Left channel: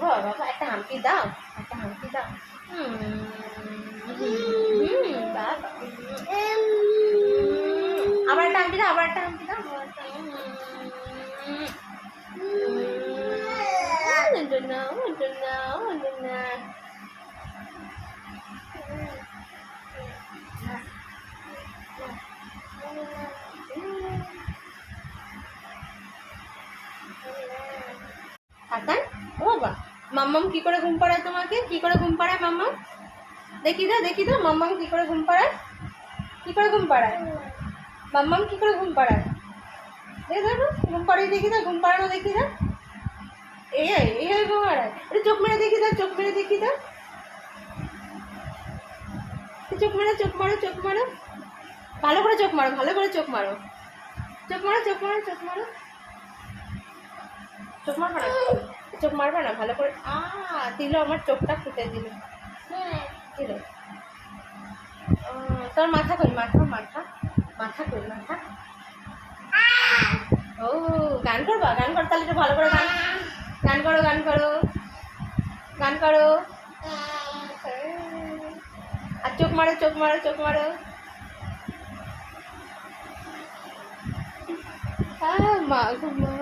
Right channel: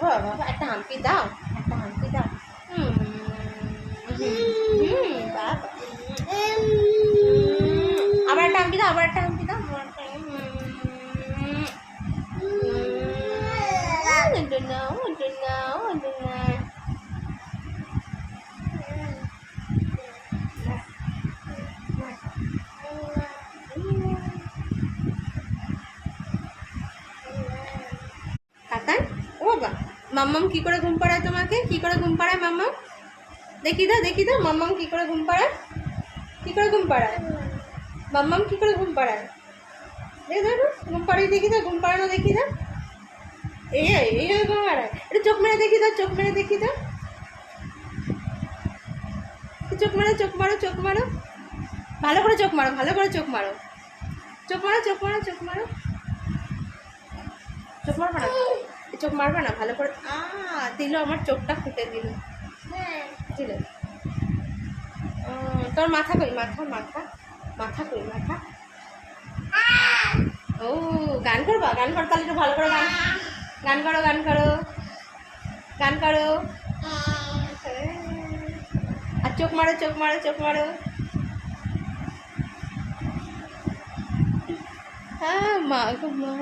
বাবা একটা হাম্পি দাও, একটা হাম্পি দাও। বাবা আবার একটা হাম্পি দাও, আবার একটা হাম্পি দাও, আবার একটা হাতান। ও বাবা, মাম্মাম কি করে ঘুম পাড়ায় তোমাকে? কি করে ঘুম পাড়ায় মাম্মাম? দেখি দাও, দেখি দাও মাম্মাম কি করে ঘুম পাড়ায়, কি করে ঘুম পাড়ায় মাম্মাম, কি করে ঘুম পাড়ায়? দেখো ঘুম পাড়িয়ে দেখি দাও, ঘুম পাড়ানো দেখি দাও। এই ঘুম পাড়ায়, একটু চোখ মেরে দেখি দাও, চোখ মেরে দেখি দাও, চোখ মারো, চোখ মারো, চোখ মারো, ভালো করে চোখ মারো, ভালো করে চোখ মারো, চোখ মারো, চোখ মারো, চোখ মারো, চোখ মারবা না, চোখ মারবা না, ভালো করে। দিল, আমার চোখটা ফুটে দিল, দিল। তোর মাথা কই, মাথা মাথা মাথা কই, মাথা। ও গান করবা, গান করো তাহলে একটু ভালো করে গান, গান করো, গান করো, গান করো। আর চোখ মারো, চোখ মারো, চোখ মারো। মা, মা।